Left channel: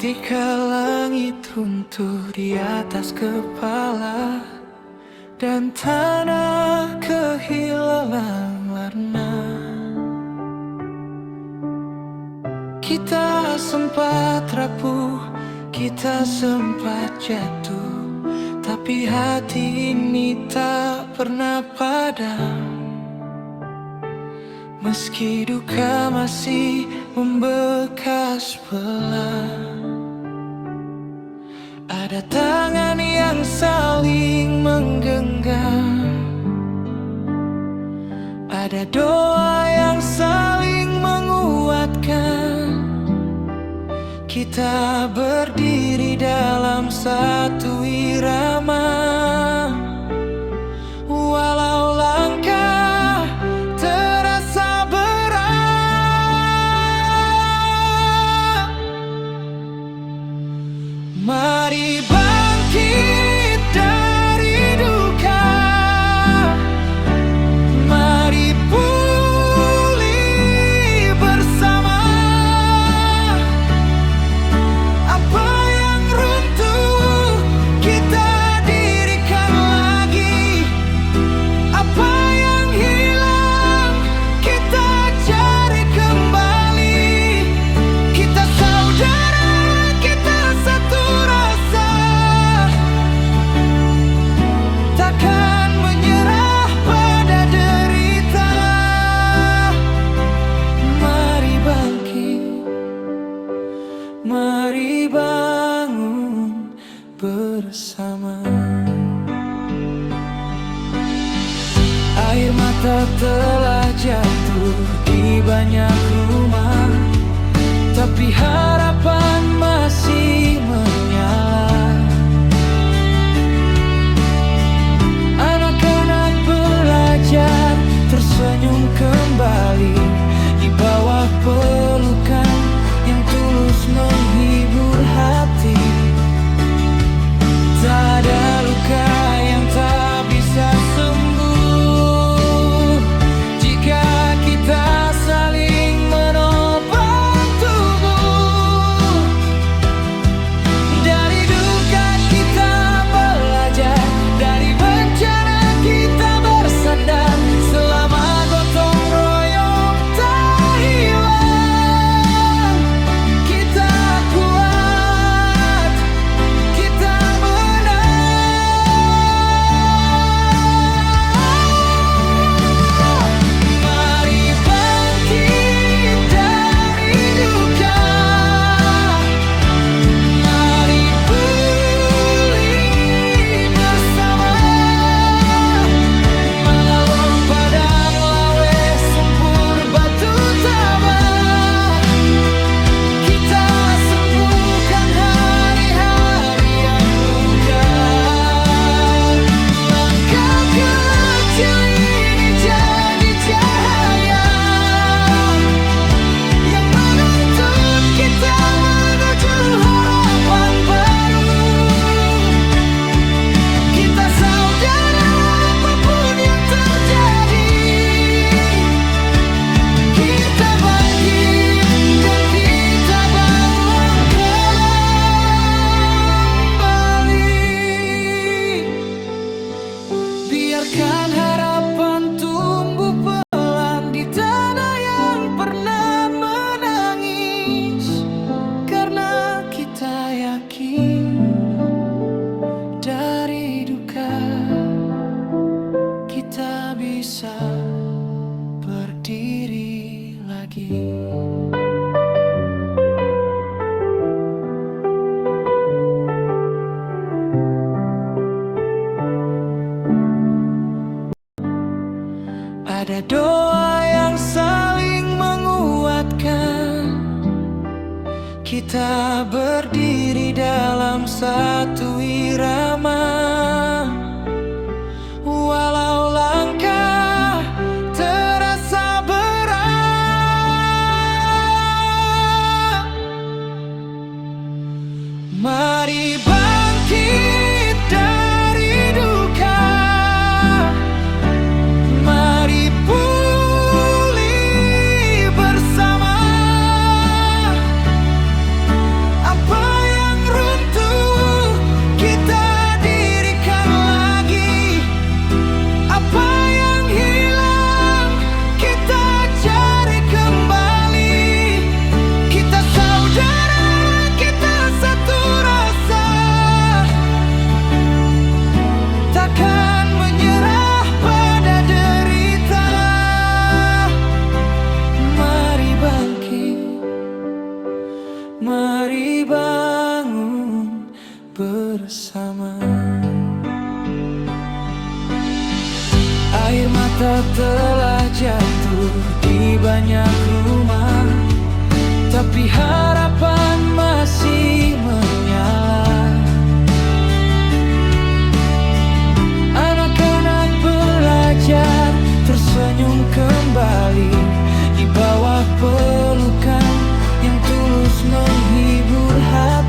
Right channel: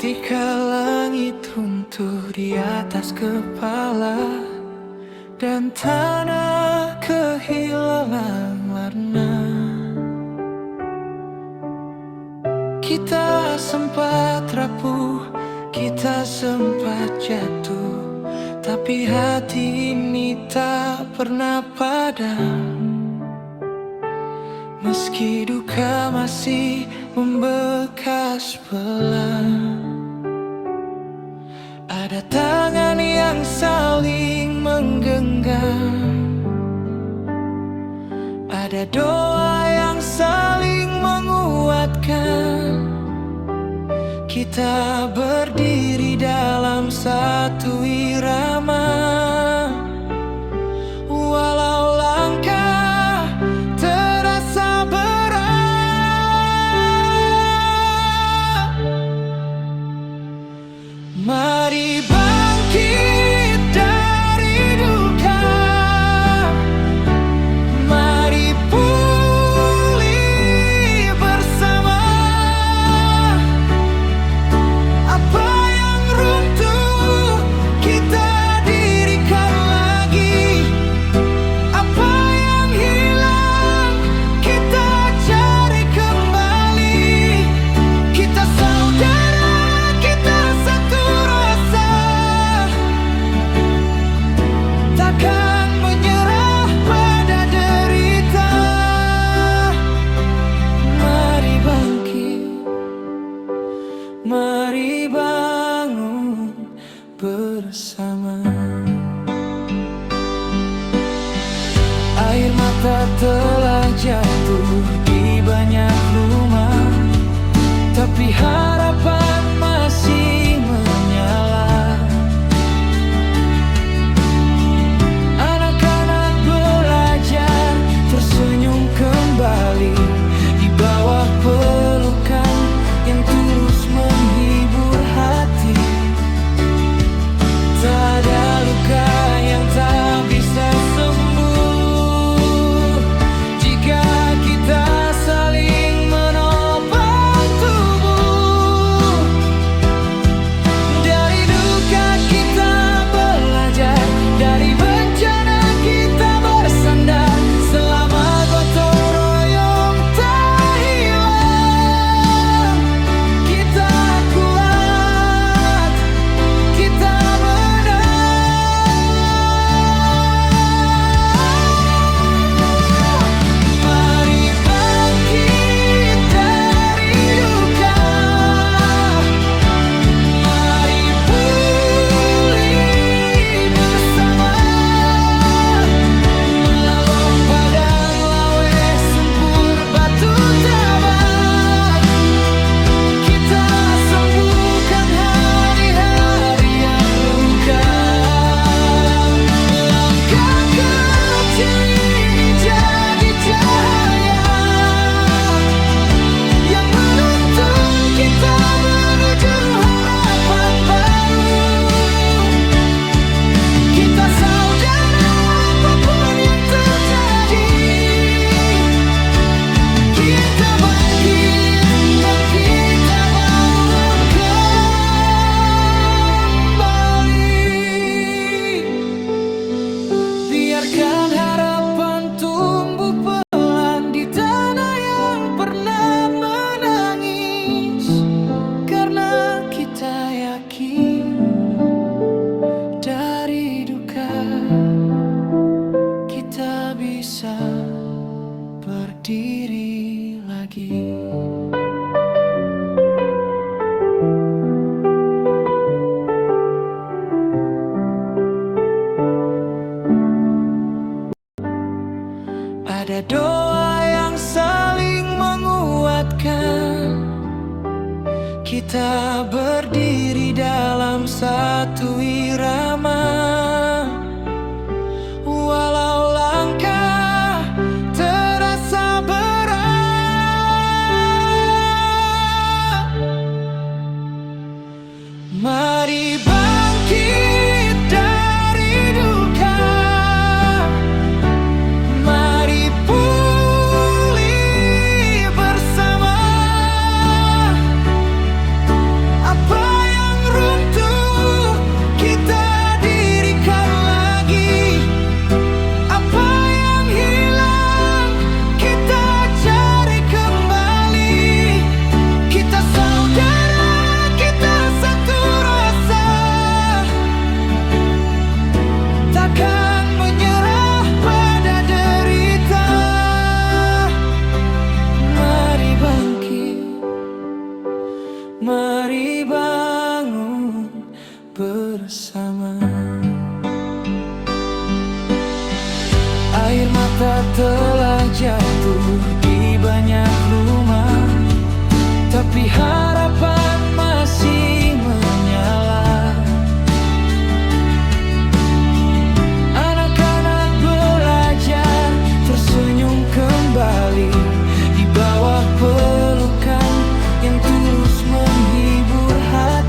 Ketika langit runtuh di atas kepala dan tanah kehilangan warna, kita sempat rapuh, kita sempat jatuh, tapi hati ini tak pernah padam. Meski duka masih membekas pelan, ada tangan yang saling menggenggam, ada doa yang saling menguatkan. Kita berdiri dalam satu irama, walau langkah terasa berat. Mari bangkit dari duka, mari pulih bersama. Apa yang runtuh kita dirikan lagi, apa yang hilang kita cari kembali. Kita saudara, kita satu rasa, takkan menyerah pada derita. Mari bangkit, mari bangun bersama. Air mata telah jatuh di banyak rumah, tapi harapan masih menyala. Anak-anak belajar tersenyum kembali di bawah pelukan yang tulus menghibur hati. Tak ada luka yang tak bisa sembuh jika kita saling menopang tubuh. Dari duka kita belajar, dari bencana kita bersandar. Selama gotong royong tak hilang, kita kuat, kita menang. Mari bangkit dari duka, mari pulih bersama. Malalo padang lawe sempur batu tabak, kita sembuhkan hari-hari yang luka. Langkah kecil ini jadi cahaya yang menuntun kita menuju harapan baru. Kita saudara, apapun yang terjadi, kita bangkit dan kita bangun kembali. Biarkan harapan tumbuh pelan di tanah yang pernah menangis, karena kita yakin dari duka kita bisa berdiri lagi. Ada doa yang saling menguatkan. Kita berdiri dalam satu irama, walau langkah terasa berat. Mari bangkit dari duka, mari pulih bersama. Apa Mari bangun bersama. Air mata telah jatuh di banyak rumah, tapi harapan masih menyala. Anak-anak belajar tersenyum kembali di bawah pelukan yang tulus menghibur hati.